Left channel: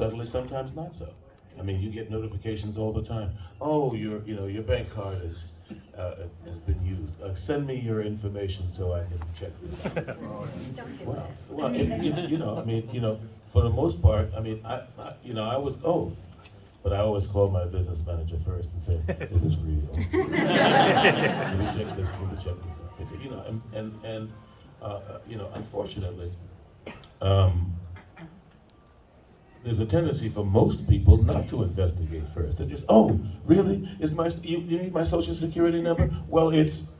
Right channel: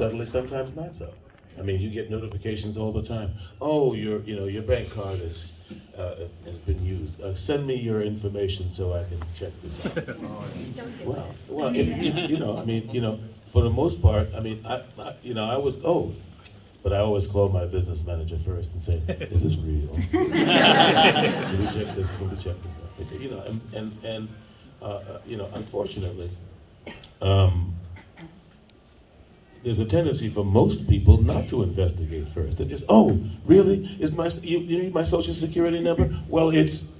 Suddenly, sometimes not so. I mean, you get notifications all the time. Oh, your bank card has been used. Send me your information so I can check this out. I mean, for the most part, I mean, I was old, but I always call my business manager first and say, "Is this real? Can we check this? Can we check this?" Because, unfortunately, um, there's a tendency for most people not to investigate first. They're just, oh, really? You need my social security number? Well, it's,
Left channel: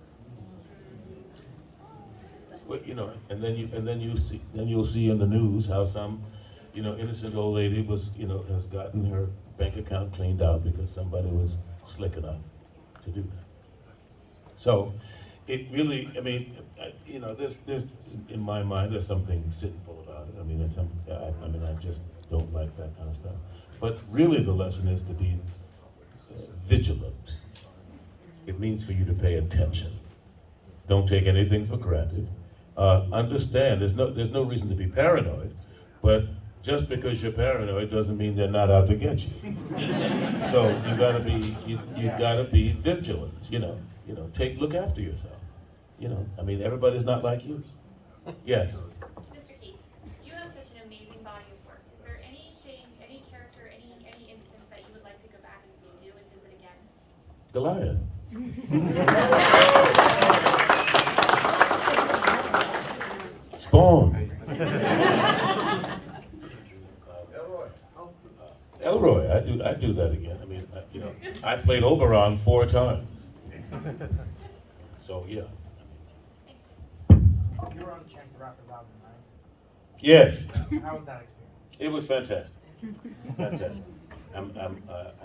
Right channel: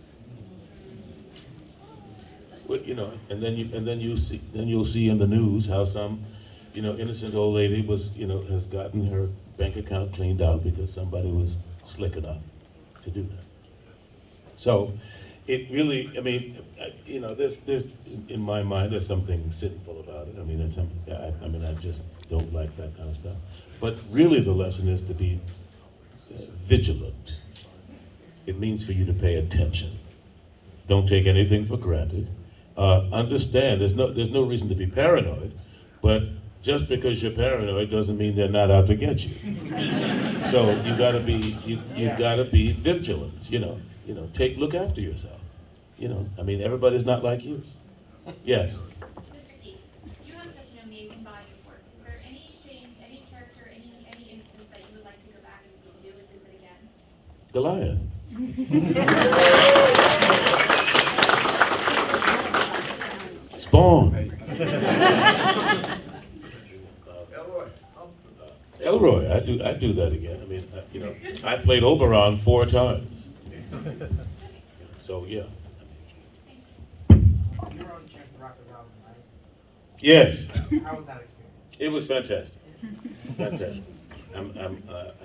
and then you'll see in the news how some, innocent old lady has gotten her bank account cleaned out because somebody was slick enough to do that. So, it really, I mean, there's in my mind there's something sinful about it. I mean, I just don't like that kind of stuff. But really, the lesson is to be vigilant. It means for you to pay attention. Don't take anything for granted. Understand there's no reason to be paranoid, but just because you're paranoid doesn't mean they're not out to get you. So you gotta be vigilant. Look after yourself. I mean, everybody's not like you. Yes. Mr. Keith, you have such an amazing body of work. Is there any character, any instance that you would like to go back and redo and visit again? Goliath. Spawn. Elroy. I do that again. I mean, I played Oberon 4 times. So yeah. You were on Chance the Rapper album, right? Yes. How was that experience? It was fantastic. Fantastic. I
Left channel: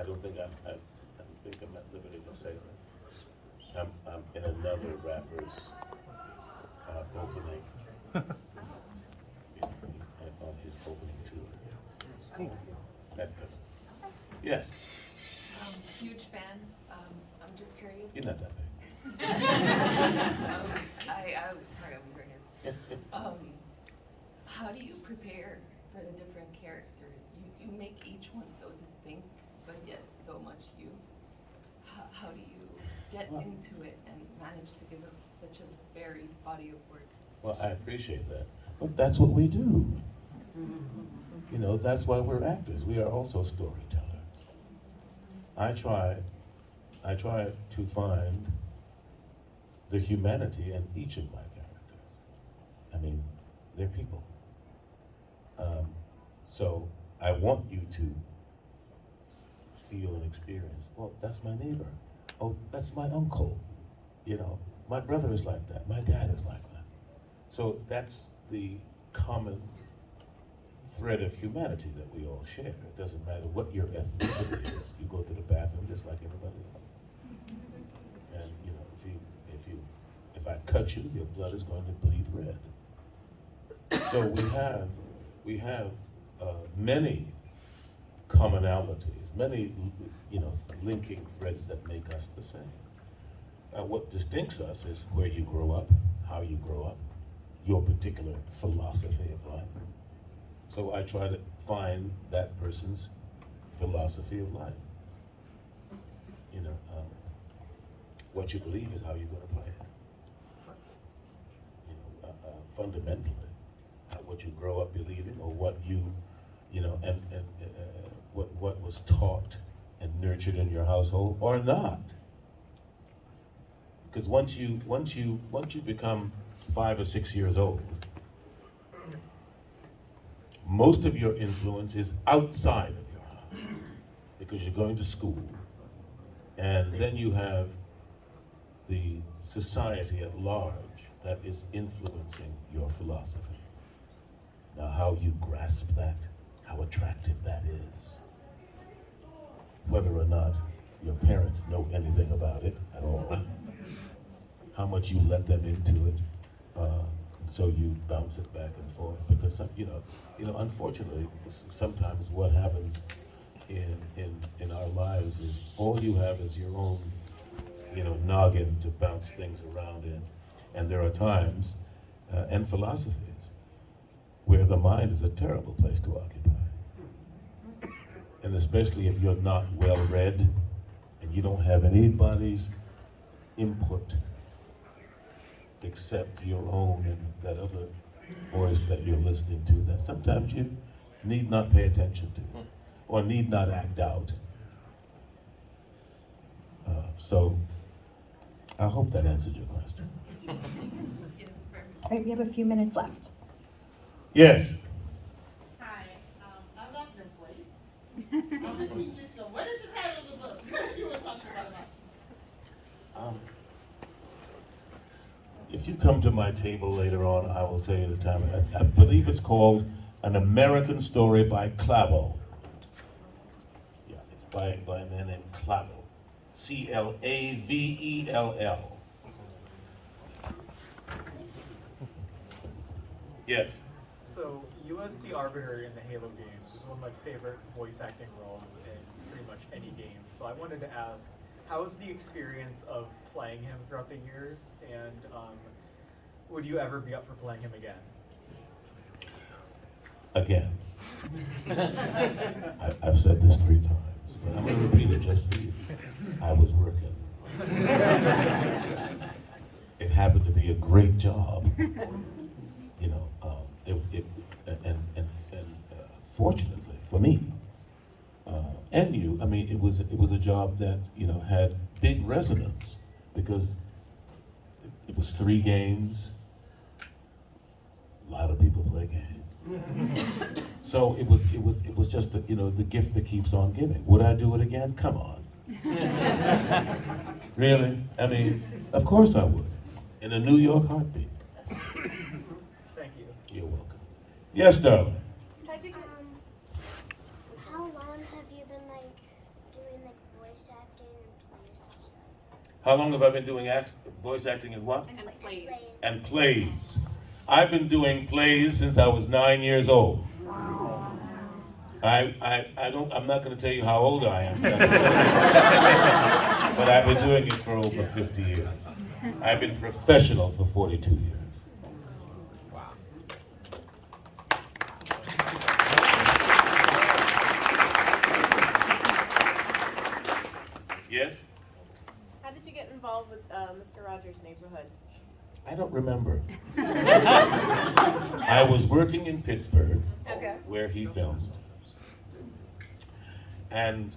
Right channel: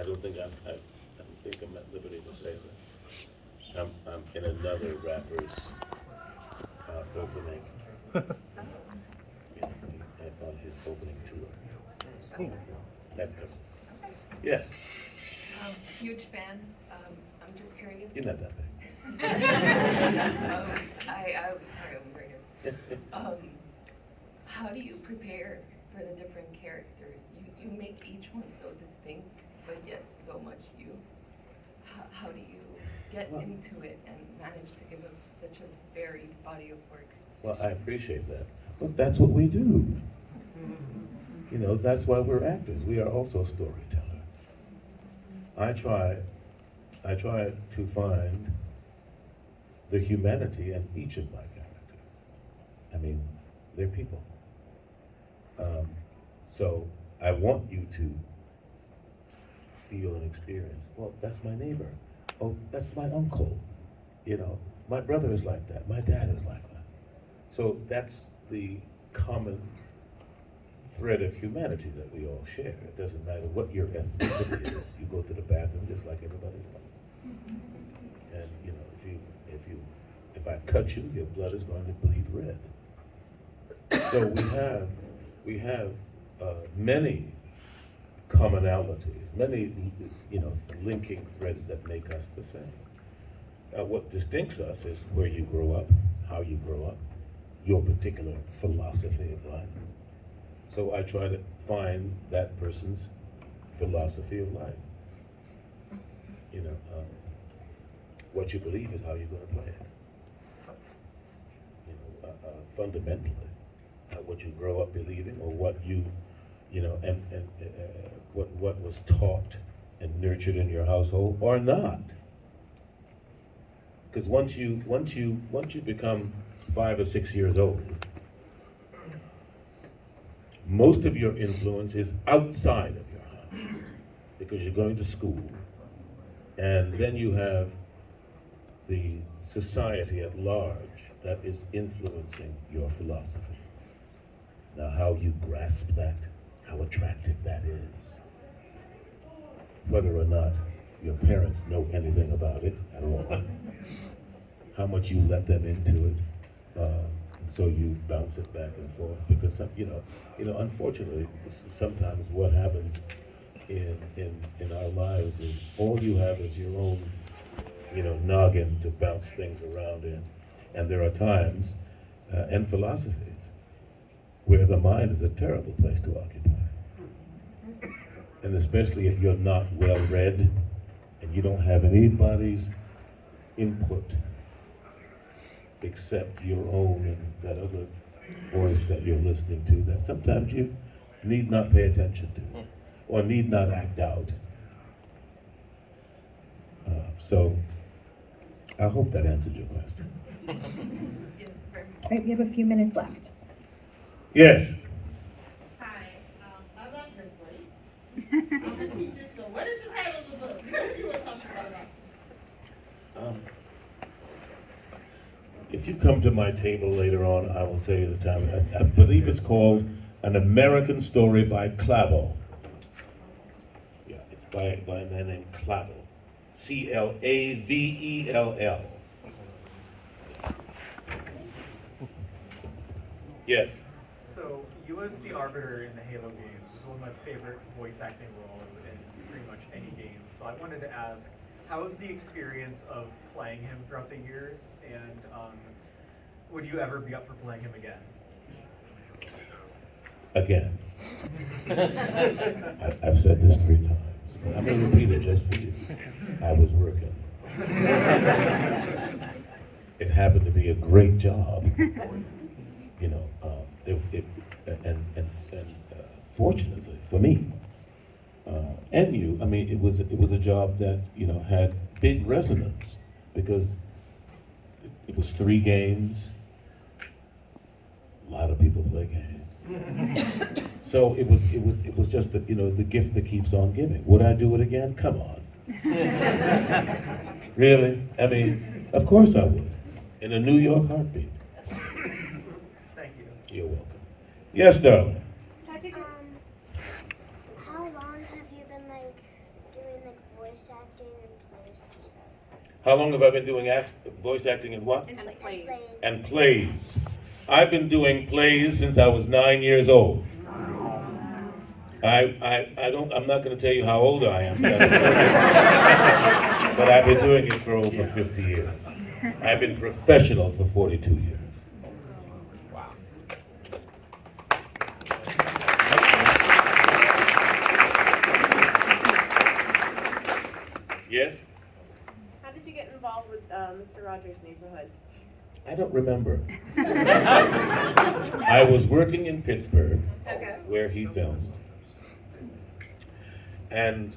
don't think I'm at liberty to say, but I'm in another rapper's opening. On his opening tour. Cool. That's good. Yes. Huge fan. I'm just curious. You're not that big. I'm sorry, I'm very nervous. How do you prepare for the different characters? You make each one so distinct, but yet so much you. How do you get into it and manage to give us such a varied body of work? Well, I appreciate that. But that's what we do. That's why we're actors. We are also storytellers. I try to find the humanity in each of my characters. I mean, they're people. So I want you to feel and experience, well, that's my neighbor. Oh, that's my uncle. My brother is like that. My dad is like that. So that's the common thread of humanity that we all share. It doesn't matter what your ethnicity is. You go to the bathroom just like everybody else. And if I cut you, your blood is going to bleed red. So we have many commonalities, many linking threads that make us the same. Now, what distincts us is where you grow up, how you grow up, your particular philosophy of life. So I try to find that person's philosophy of life. What you believe is how you're going to play it. Fundamentally, what you grow up believing, or what what was taught and nurtured in your household, or not. Because once you become 5 or 6 years old, most of your influence is outside of your house, because you're going to school, and then you have the society at large that is influencing your philosophy. Now, how you grasp that, how attractive that is, whether or not your parents know anything about it at all, how much you let them into it, and so you bounce it back and forth. Because unfortunately, sometimes what happens in our lives is all you have is your own, noggin to bounce things around in, and there are times and philosophies where the mind is a terrible place to occupy. and especially if you're not well read and you don't have anybody's input except your own and that other voice that you're listening to, that sometimes you need not pay attention to or need not act out. So I hope that answered your question. All right, we have a few minutes left. Yes. Hi, I love your voice. I'm a teacher, so what is the title of the book? You were talking about that. If you come to my table later on, I will tell you the time. I believe it's called An American Story by Clavel. Yeah, it's by a man named Clavel. Clavell. Yes. So, you as the Arbiter in the Halo games is one of my favorite voice acting roles in pretty much any game. So I wanted to ask, how was the experience of playing him throughout the years, and would you ever be up for playing him again? Again. I've said this 3 times, but I'm going to repeat it just for you. I was working. It happened to be a great job. You know, fortunately for me, and you, I mean, it was a job that, you know, had big resonance because it was 3 games. A lot of people play games. So it was just the gift that keeps on giving. Would I do it again? Come on. Really? I mean, of course I would. In a New York heartbeat. Thank you. You're welcome. Yes, darling. How long have you been doing voice acting and plays and stuff? How long have I been doing voice acting and what? And plays. And plays. I've been doing plays since I was 9 years old. I'm not going to tell you how old I am, but I've been doing it for over 50 years. I've been professional for 42 years. Wow. Yes? How did you get involved with Mr. Rogers' Neighborhood? I don't remember. I was working in Pittsburgh, Okay. where he filmed. And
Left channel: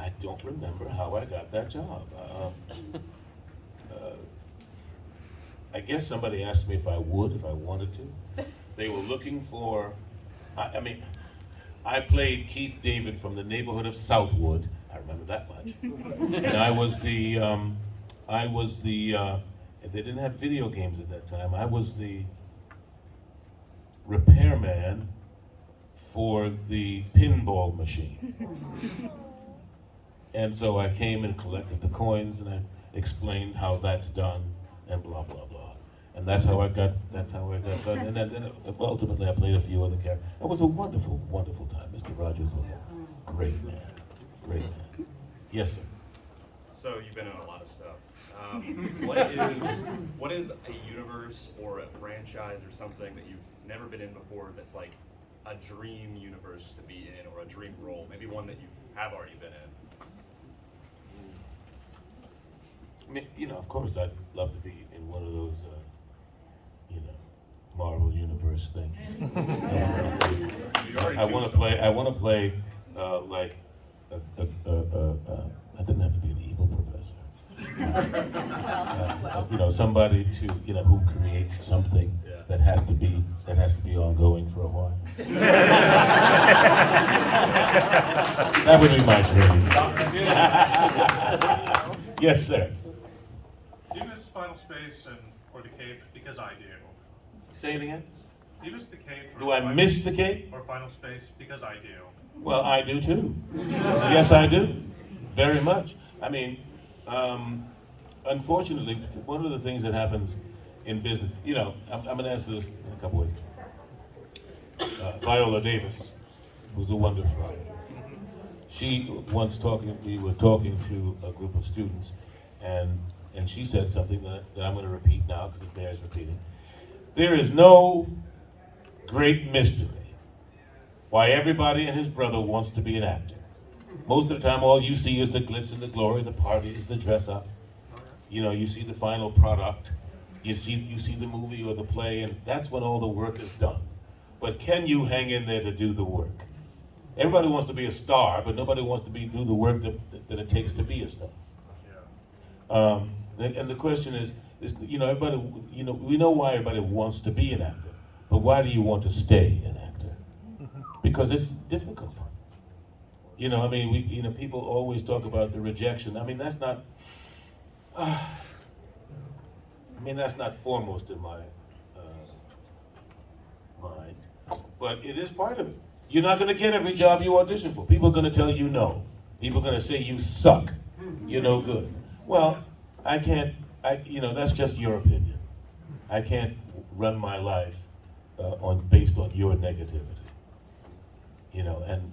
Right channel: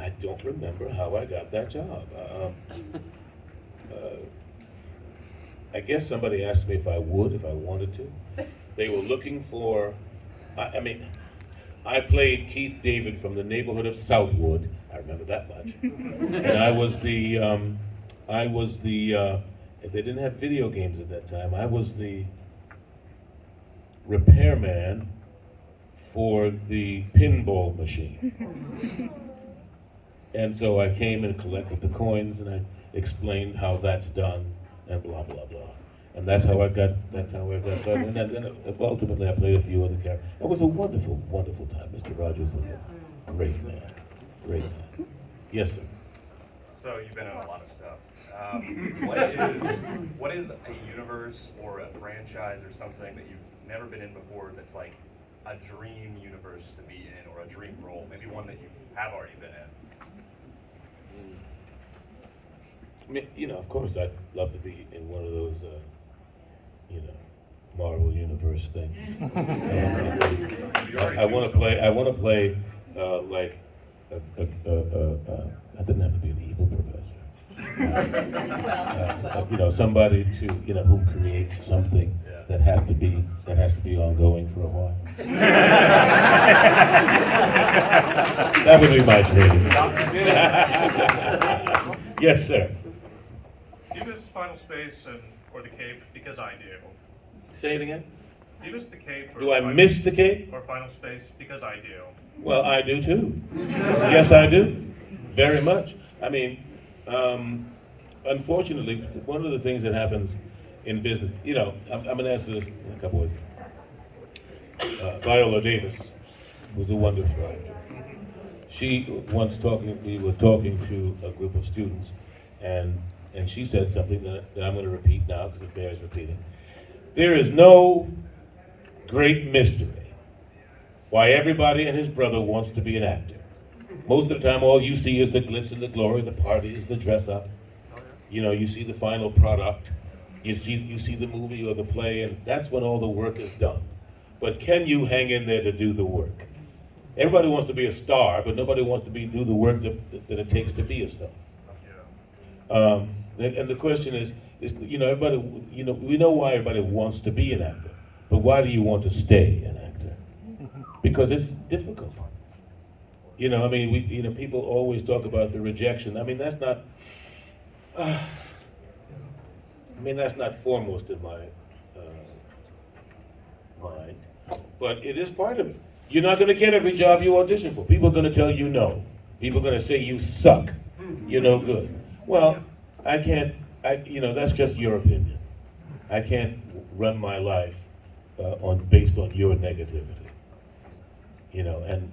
I don't remember how I got that job. I guess somebody asked me if I wanted to. They were looking for, I played Keith David from the neighborhood of Southwood. I remember that much. And I was the, they didn't have video games at that time. I was the repairman for the pinball machine. And so I came and collected the coins and I explained how that's done and blah, blah, blah. And that's how I got started. And then ultimately I played a few other characters. It was a wonderful, wonderful time. Mr. Rogers was a great man. Great man. Yes, sir. So you've been in a lot of stuff. What is a universe or a franchise or something that you've never been in before that's like a dream universe to be in, or a dream role? Maybe one that you have already been in. I mean, you know, of course, I'd love to be in one of those, Marvel Universe things. I want to play like I didn't have to be an evil professor. Somebody to who creates something that has to be ongoing for a while. That would be my dream. Yes, sir. Do you miss Final Space or the Cape? Because I do. Say it again. Do you miss the Cape? Do I miss the Cape? Or Final Space? Because I do. Well, I do too. Yes, I do. Very much. I mean, unfortunately, one of the things that happens in business, I'm going to answer this in a couple ways. Viola Davis was a wonderful actor. She we were talking to a group of students, and she said something that I'm going to repeat now because it bears repeating. There is no great mystery why everybody and his brother wants to be an actor. Most of the time, all you see is the glitz and the glory, the parties, the dress up. You know, you see the final product. You see the movie or the play, and that's when all the work is done. But can you hang in there to do the work? Everybody wants to be a star, but nobody wants to do the work that it takes to be a star. And the question is, you know, everybody, you know, we know why everybody wants to be an actor, but why do you want to stay an actor? Because it's difficult. You know, I mean, people always talk about the rejection. I mean, that's not. That's not foremost in my mind, but it is part of it. You're not going to get every job you audition for. People are going to tell you no. People are going to say you suck. You're no good. Well, I can't. That's just your opinion. I can't run my life based on your negativity. You know, and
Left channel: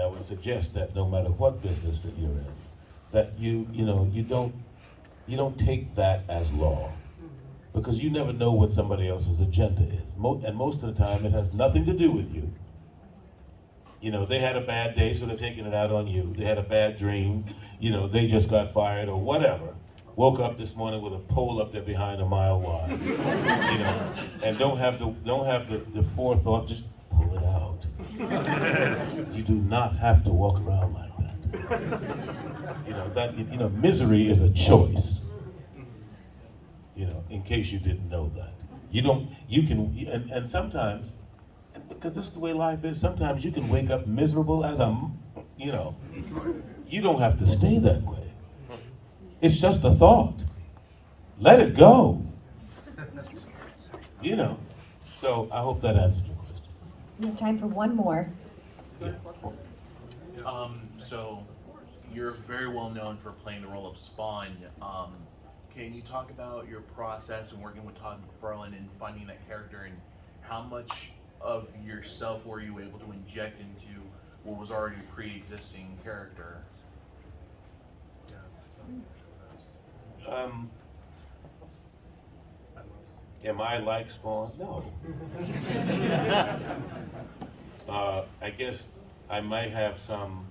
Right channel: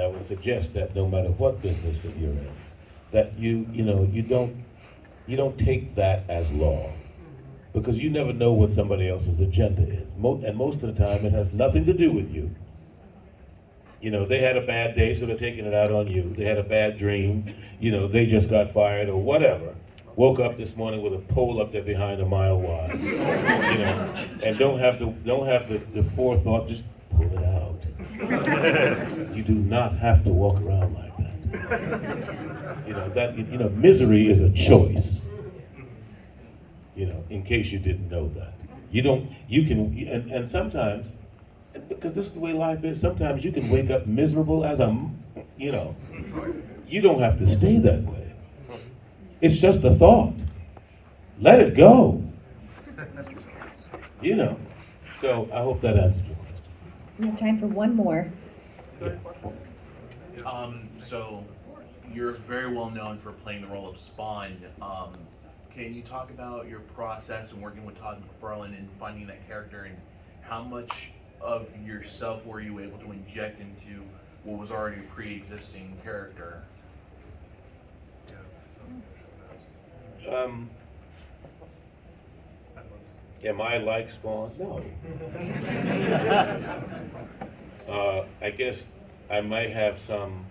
I would suggest that no matter what business that you're in, that you don't take that as law, because you never know what somebody else's agenda is. And most of the time, it has nothing to do with you. You know, they had a bad day, so they're taking it out on you. They had a bad dream. You know, they just got fired or whatever. Woke up this morning with a pole up there behind a mile wide. You know, and don't have the forethought. Just pull it out. You do not have to walk around like that. Misery is a choice. You know, in case you didn't know that. And sometimes, because this is the way life is, sometimes you can wake up miserable as you don't have to stay that way. It's just a thought. Let it go. You know. So I hope that answers your question. We have time for one more. Yeah. So you're very well known for playing the role of Spawn. Can you talk about your process and working with Todd McFarlane and finding that character, and how much of yourself were you able to inject into what was already a pre-existing character? Am I like Spawn? No. I guess I may have some.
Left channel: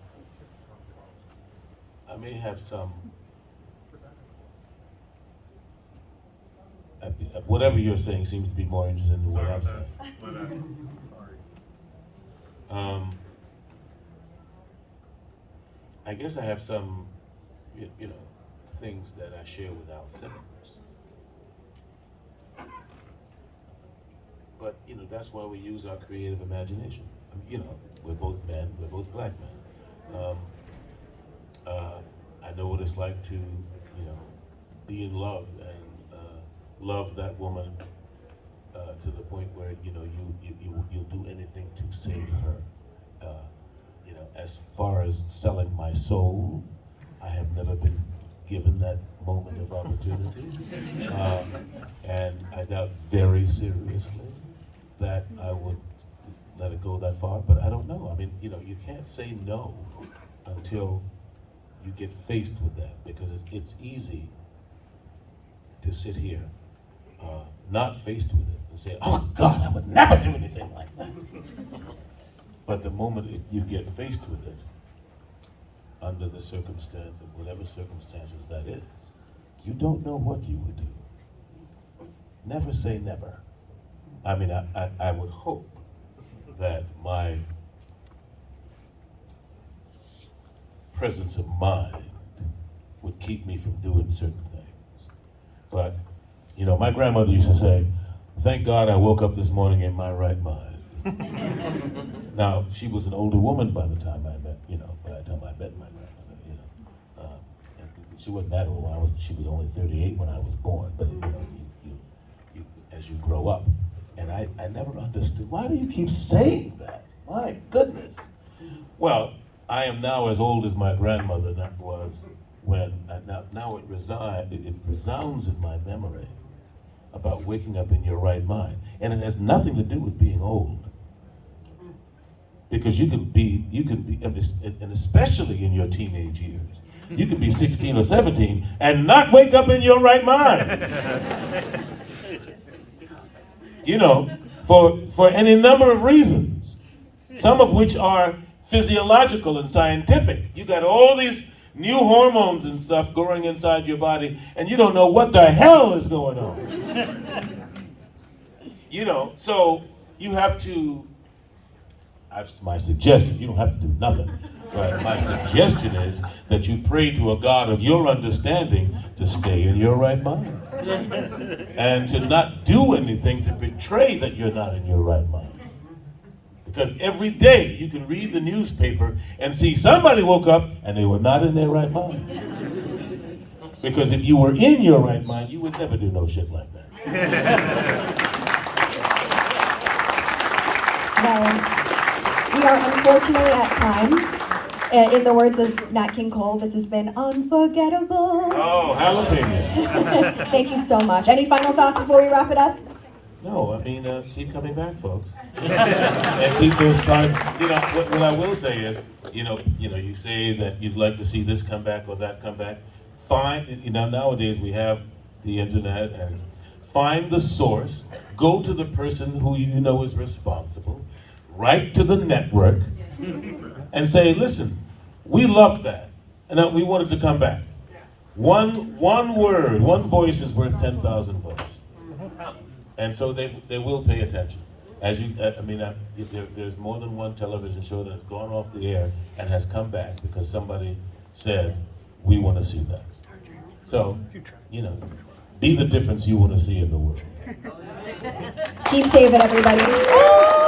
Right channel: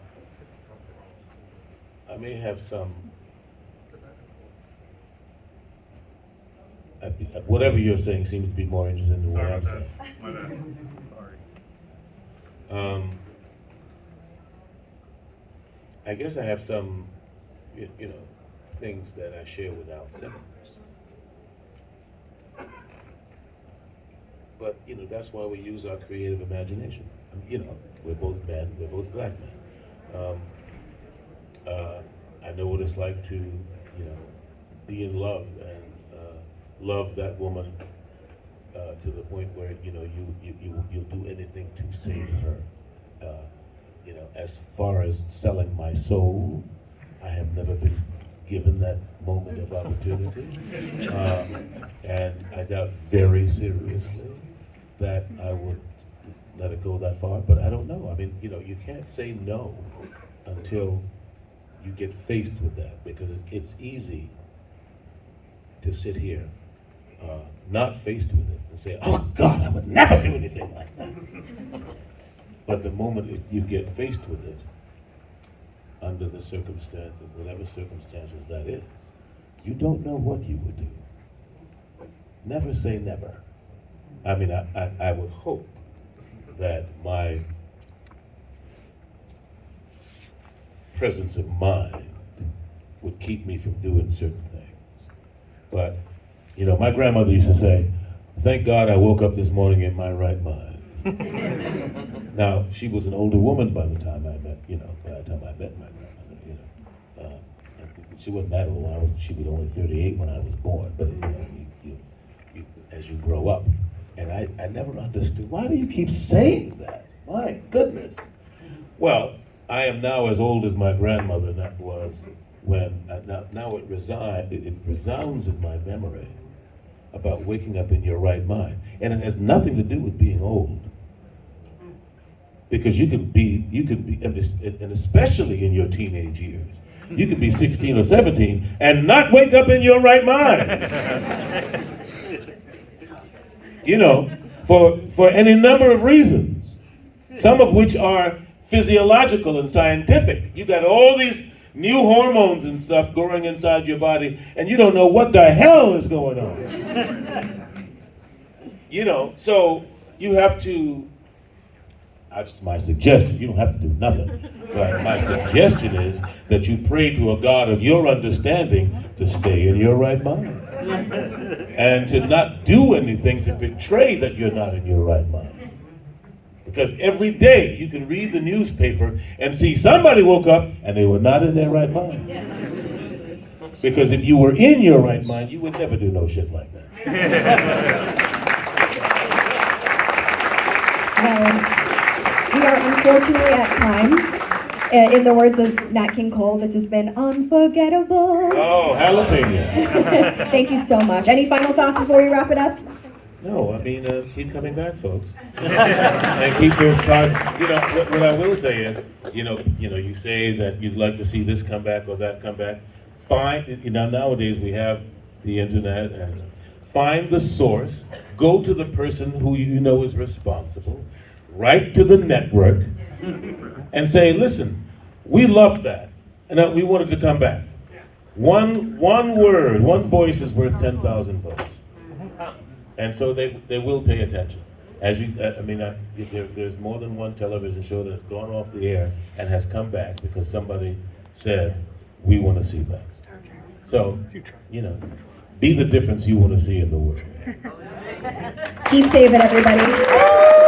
Whatever you're saying seems to be more interesting than what I'm saying. I guess I have some, things that I share with Al Simmons. But, that's why we use our creative imagination. We're both men, we're both black men. I know what it's like to, be in love and love that woman to the point where, you'll do anything to save her. As far as selling my soul, I have never been given that moment of opportunity. And I doubt very seriously that I would let it go that far, but I don't know. You can't say no until you get faced with that, because it's easy to sit here, not faced with it, and say, oh God, I would never do anything like that. But the moment you get faced with it, under the circumstance, and whatever circumstances that is, you don't know what you would do. Never say never. I would hope that my presence of mind would keep me from doing certain things. But, my grandmother used to say, thank God I woke up this morning in my right mind. Now, she was an older woman by the time I met my grandmother, she wasn't that old. She was only 38 when I was born, but you as you grow up. And I never understood, why do you keep saying that? My goodness. Well, I am now as old as my grandmother was when, now it resounds in my memory about waking up in your right mind. And it has nothing to do with being old. Because you can be, and especially in your teenage years, you could be 16 or 17 and not wake up in your right mind. For any number of reasons, some of which are physiological and scientific. You got all these new hormones and stuff growing inside your body, and you don't know what the hell is going on. You know, so you have to, my suggestion, you don't have to do nothing, but my suggestion is that you pray to a God of your understanding to stay in your right mind. And to not do anything to betray that you're not in your right mind. Because every day you can read the newspaper and see somebody woke up and they were not in their right mind. Because if you were in your right mind, you would never do no shit like that. We are unfortunately at time. In the words of Nat King Cole, this has been unforgettable. Oh, jalapeno. Thank you so much. Any final thoughts before we wrap it up? No, I mean, keep coming back, folks. And keep those cards. You know, what I will say is, you say that you'd like to see this come back or that come back. Nowadays we have the internet, and find the source, go to the person who you know is responsible, write to the network, and say, listen, we loved that, and we wanted to come back. One word, one voice is worth 10,000 votes. And so they will pay attention. There's more than one television show that has gone off the air and has come back because somebody said, we want to see that. So, be the difference you want to see in the world. Keith David, everybody.